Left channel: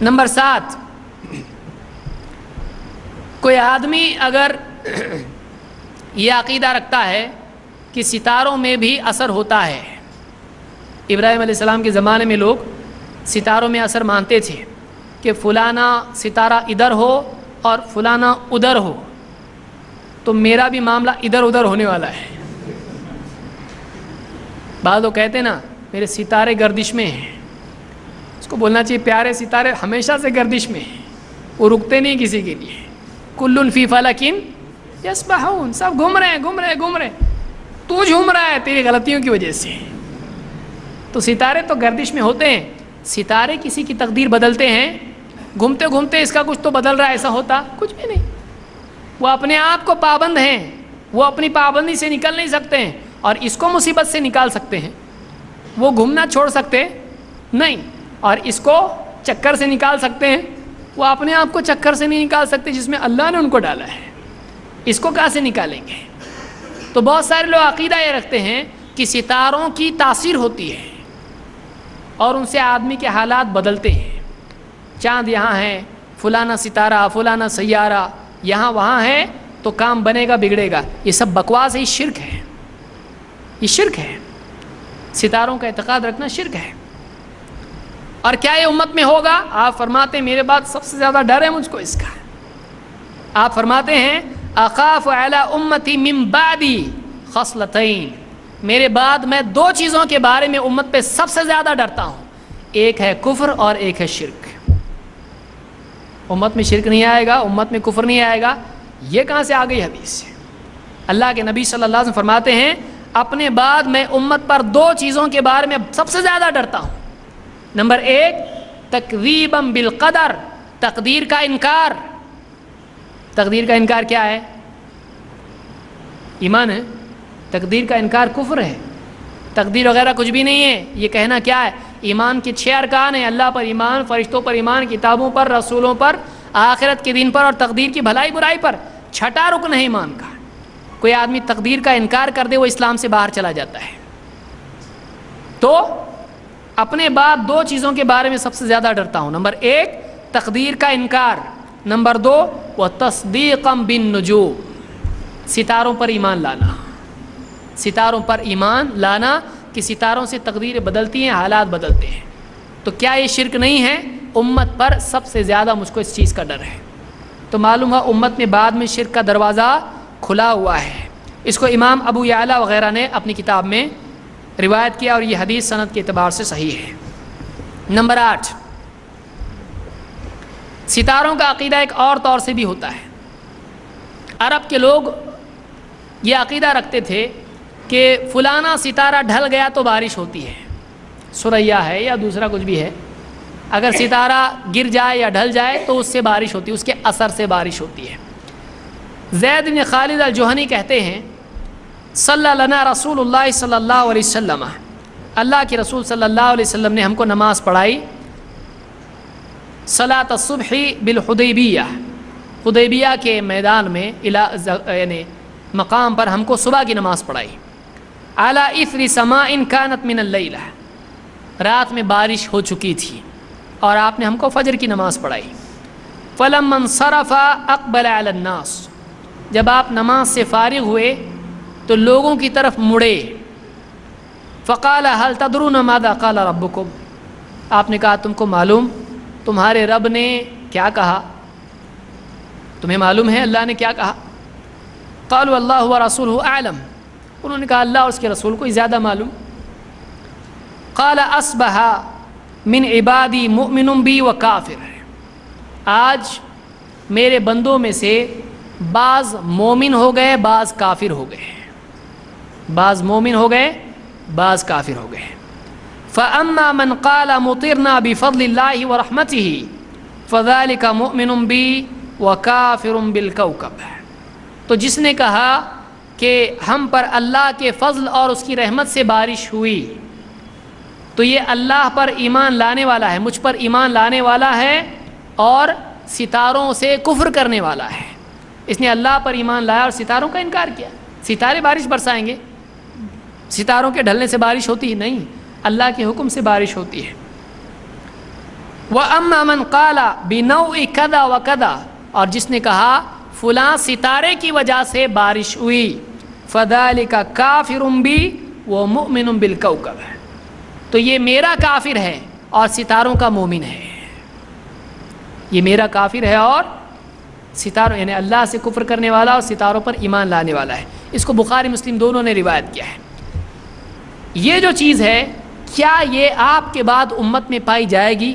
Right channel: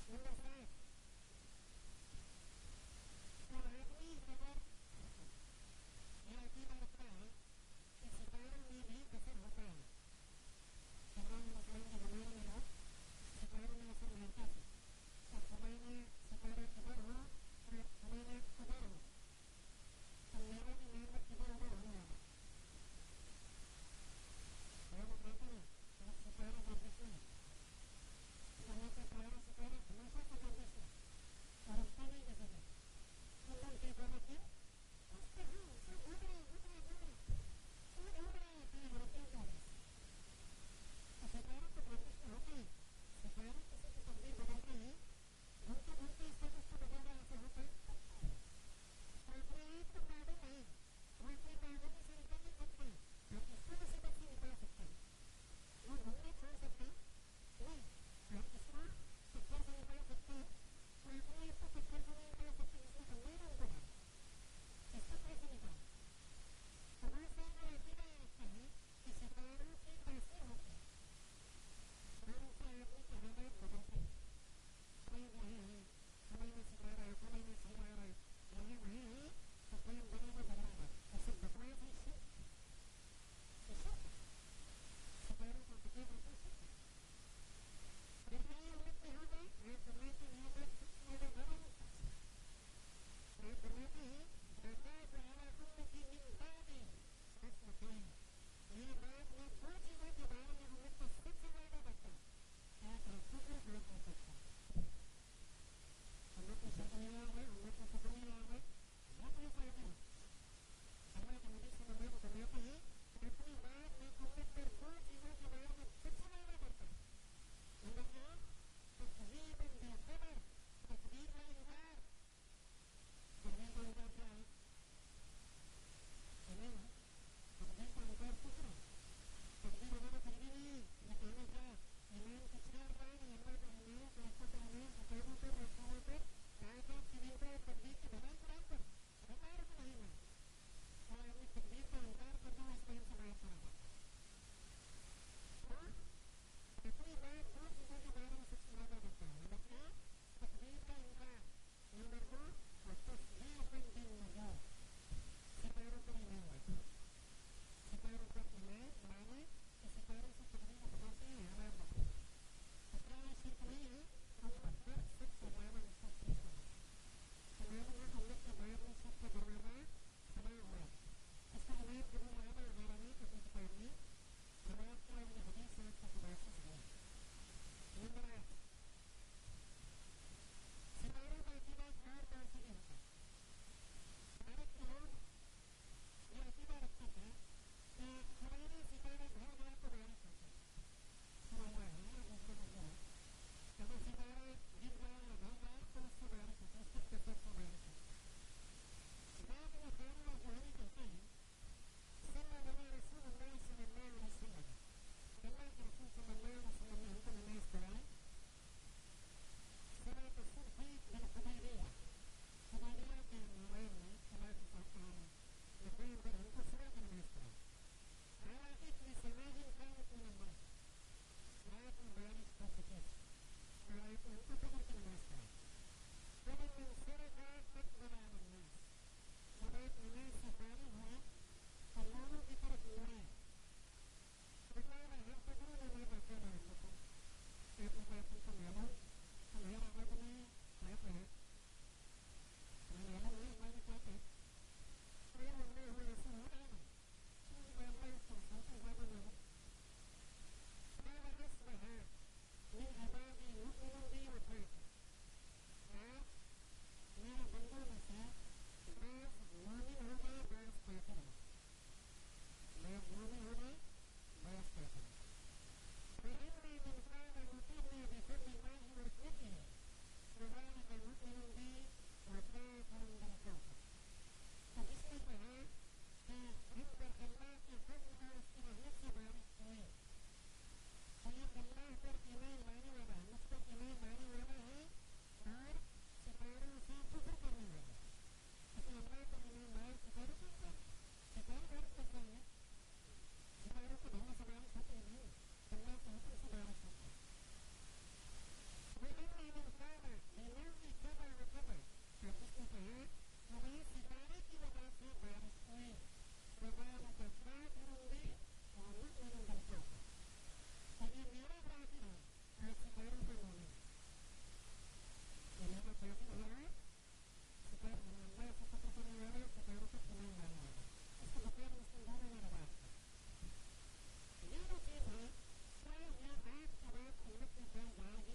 Number 7، کوئی آدمی اگر یہ عقیدہ رکھتا ہے کہ ستاروں میں بھی اثر ہوتا ہے. ابراہیم علیہ السلام کے زمانے میں لوگ ستاروں میں اثر مانتے تھے کہ فلانا ستارہ ادھر ہو اور فلانا ادھر ہو، تو میرا بھی معاملہ ادھر ادھر ہونے والا ہے. بعض لوگ کہتے ہیں نا میرے ستارے گردش میں ہیں. اس کو بولنا چاہیے پیارے ستارے ہمیشہ سے گردش میں ہیں، وہ رکتے نہیں کسی کے لیے. کل فی فلک یسبحون، سب گھوم رہے ہیں. تو جھوم رہا ہے تیری غلطیوں کی وجہ سے. تو ستارے تو گردش میں ہوتے ہیں. ستارے کسی کی تقدیر بدلتے ہیں، گھومتے گھومتے اس کا کچھ تو بدل رہا ہے، ایسا ہوتا کچھ بھی نہیں. وہ اپنے آپ کو پابند ہیں، وہ اپنی پابندی سے نکل نہیں سکتے ہیں، اور اس کو مصیبت سے نکال سکتے ہیں. وہ گھومنا چھوڑ سکتے نہیں، اور اس کو چکر سے نکال سکتے ہیں. وہ اپنے آپ کو چکر سے نہیں نکال سکتے جس میں اللہ نے ان کو ڈالا ہے. اس کو کہاں سے نکالیں گے؟ تو بہت سارے لوگ عقیدہ یہ رکھتے ہیں کہ ستاروں کی تاثیر ہوتی ہے اور ان سے آدمی کے حالات بدلتے ہیں. چاند یہاں ہے، فلانا ستارہ فلانا سیارہ یہاں وہاں ہے تو کام بنے گا بگڑے گا. یہ سب بکواس ہے، یہ شرک ہے. یہ شرک ہے. ستاروں کا اعتقاد رکھنا شرک ہے. اور کیا یہ امت میں ہوگا؟ آپ فرماتے ہیں میرے بعد سب سے زیادہ ڈر ہے مجھ کو اس کا. آپ فرماتے ہیں اخاف علی امتی من بعدی خصلتین، میرے بعد میں 2 چیزوں کے بارے میں امت پہ سب سے زیادہ ڈرتا ہوں. ایک ہے کفر اور ایک ہے شرک. امت میں شرک نہیں آئے گا، امت میں کفر نہیں آئے گا. یہ کہاں سے آ گئی حدیث سے؟ اللہ کے نبی صلی اللہ علیہ وسلم فرماتے ہیں اپنے بعد میں امت پر 2 چیزوں کے بارے میں سب سے زیادہ ڈرتا ہوں. نمبر 1 تکذیبا بالقدر، تقدیر کا انکار. تقدیر کا انکار کیا ہے؟ ایمان ہے. تقدیر کا انکار کفر ہے. تقدیر وغیرہ کچھ بھی نہیں ہے. یہ کہنا کیا ہے؟ ایمان کے 6 ارکان ہیں: اللہ پر ایمان، فرشتوں پر ایمان، کتابوں پر، رسولوں پر، آخرت کے دن پر اور تقدیر کی بھلائی برائی پر. 6ٹھا رکن ہے ایمان کا. کوئی آدمی تقدیر کا انکار کر دے وہ اسلام سے باہر چلا جاتا ہے. تو اپنے بعد 2 چیزوں کے بارے میں سب سے زیادہ ڈرتا ہوں. نمبر 1 تقدیر کا انکار. نمبر 2 وتصدیقا بالنجوم، ستاروں پر ایمان لانا. ستاروں پر ایمان لانا کہ ستاروں سے تقدیریں بدلتی ہیں، حالات بدلتے ہیں. تو کیا یہ شرک نہیں ہے؟ امت پر سب سے زیادہ مجھ کو اس چیز کا ڈر ہے. تو معلوم ہوا امت میں بعد میں شرک کا دروازہ کھلا ہوا ہے. اس کو امام ابو یعلا وغیرہ نے اپنی کتاب میں روایت کیا اور یہ حدیث سند کے اعتبار سے صحیح ہے. نمبر 8 ستاروں کا عقیدہ ایک اور طور سے بھی ہوتا ہے. عرب کے لوگ یہ عقیدہ رکھتے تھے کہ فلانا ستارہ ڈھل گیا تو بارش ہوتی ہے. سریا ہے یا دوسرا کچھ بھی ہے، اگر ستارہ گر جائے یا ڈھل جائے تو اس سے بارش ہوتی ہے، اس کے اثر سے بارش ہوتی ہے. زید بن خالد الجہنی کہتے ہیں صلی لنا رسول اللہ صلی اللہ علیہ وسلم، اللہ کے رسول صلی اللہ علیہ وسلم نے ہم کو نماز پڑھائی صلاۃ الصبح بالحدیبیہ، حدیبیہ کے میدان میں یعنی مقام پر ہم کو صبح کی نماز پڑھائی. علی اثر سماء کانت من اللیلہ، رات میں بارش ہو چکی تھی اور آپ نے ہم کو فجر کی نماز پڑھائی. فلما انصرف اقبل علی الناس، جب آپ نماز سے فارغ ہوئے تو لوگوں کی طرف مڑے. فقال هل تدرون ماذا قال ربکم، آپ نے کہا تم کو معلوم تمہارے رب نے کیا کہا؟ تمہیں معلوم ہے اللہ نے کیا کہا؟ قالوا اللہ ورسولہ اعلم، انہوں نے کہا اللہ اور اس کے رسول کو زیادہ معلوم. قال اصبح من عبادی مؤمن بی و کافر، آج میرے بندوں میں سے بعض مومن ہو گئے بعض کافر ہو گئے. بعض مومن ہو گئے بعض کافر ہو گئے. فاما من قال مطرنا بفضل اللہ ورحمتہ فذلك مؤمن بی وکافر بالکوکب، تو جس نے کہا کہ ہم پر اللہ کے فضل اور اس کی رحمت سے بارش ہوئی تو یہ اللہ پر ایمان لانے والا ہے، مجھ پر ایمان لانے والا ہے اور ستاروں سے کفر کرنے والا ہے. اس نے اللہ پر ایمان لایا اور ستاروں کا انکار کیا. ستارے بارش برسائیں گے؟ ستاروں کے ڈھلنے سے بارش ہوتی ہی نہیں، اللہ کے حکم سے بارش ہوتی ہے. وَأَمَّا مَنْ قَالَ بِنَوْءِ كَذَا وَكَذَا، اور جس نے کہا فلاں ستارے کی وجہ سے بارش ہوئی، فَذَلِكَ كَافِرٌ بِي وَمُؤْمِنٌ بِالْكَوْكَبِ، تو یہ میرا کافر ہے اور ستاروں کا مومن ہے. یہ میرا کافر ہے اور ستاروں، یعنی اللہ سے کفر کرنے والا اور ستاروں پر ایمان لانے والا ہے. اس کو بخاری مسلم دونوں نے روایت کیا ہے. یہ جو چیز ہے، کیا یہ آپ کے بعد امت میں پائی جائے گی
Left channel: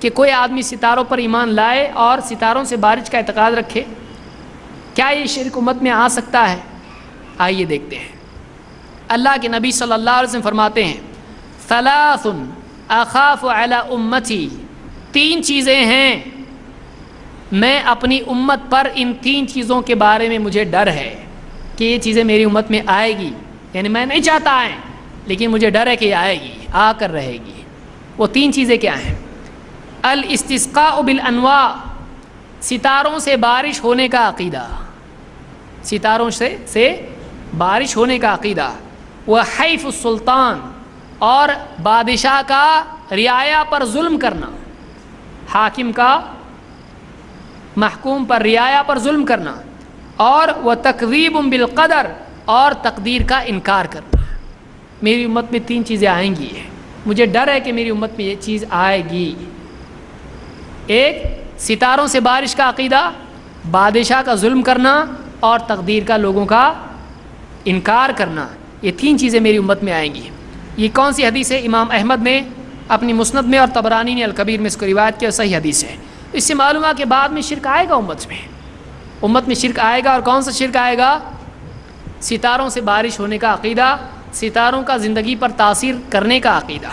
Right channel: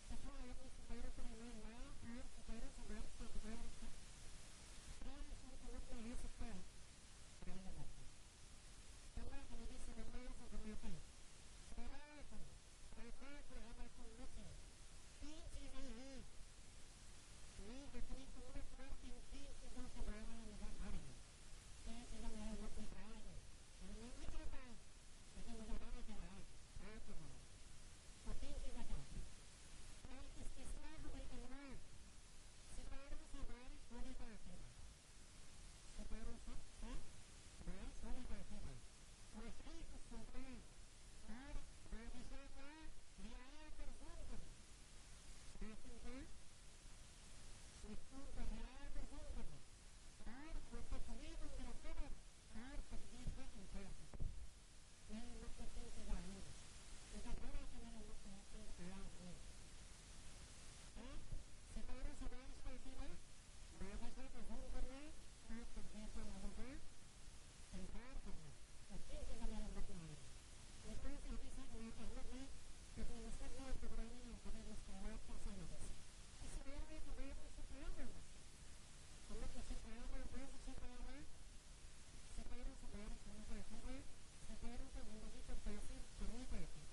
کہ کوئی آدمی ستاروں پر ایمان لائے اور ستاروں سے بارش کا اعتقاد رکھے؟ کیا یہ شرک امت میں آ سکتا ہے؟ آئیے دیکھتے ہیں. اللہ کے نبی صلی اللہ علیہ وسلم فرماتے ہیں ثلاث اخاف علی امتی، تین چیزیں ہیں میں اپنی امت پر، ان تین چیزوں کے بارے میں مجھے ڈر ہے کہ یہ چیزیں میری امت میں آئے گی، یعنی میں نہیں چاہتا آئیں لیکن مجھے ڈر ہے کہ یہ آئے گی، آ کر رہے گی. وہ تین چیزیں کیا ہیں؟ الاستسقاء بالانواع، ستاروں سے بارش ہونے کا عقیدہ، ستاروں سے بارش ہونے کا عقیدہ. وحیف السلطان، اور بادشاہ کا رعایا پر ظلم کرنا، حاکم کا محکوم پر، رعایا پر ظلم کرنا. اور وتکذیب بالقدر، اور تقدیر کا انکار کرنا. میری امت میں تین چیزیں آئیں گی، مجھے ڈر ہے کہ میری امت میں یہ چیز آئے گی. ایک، ستاروں سے بارش کا عقیدہ، بادشاہ کا ظلم کرنا، اور تقدیر کا لوگوں کا انکار کرنا. یہ تین چیزیں میری امت میں آئیں گی. یہ کون سی حدیث ہے؟ امام احمد نے اپنی مسند میں اور طبرانی نے الکبیر میں اس کو روایت کیا، صحیح حدیث ہے. اس سے معلوم ہے کہ بعد میں شرک آئے گا امت میں شرک آئے گا. اور کون سا شرک آئے گا؟ ستاروں سے بارش ہونے کا عقیدہ، ستاروں کا زندگی پر تاثیر کرنے کا عقیدہ.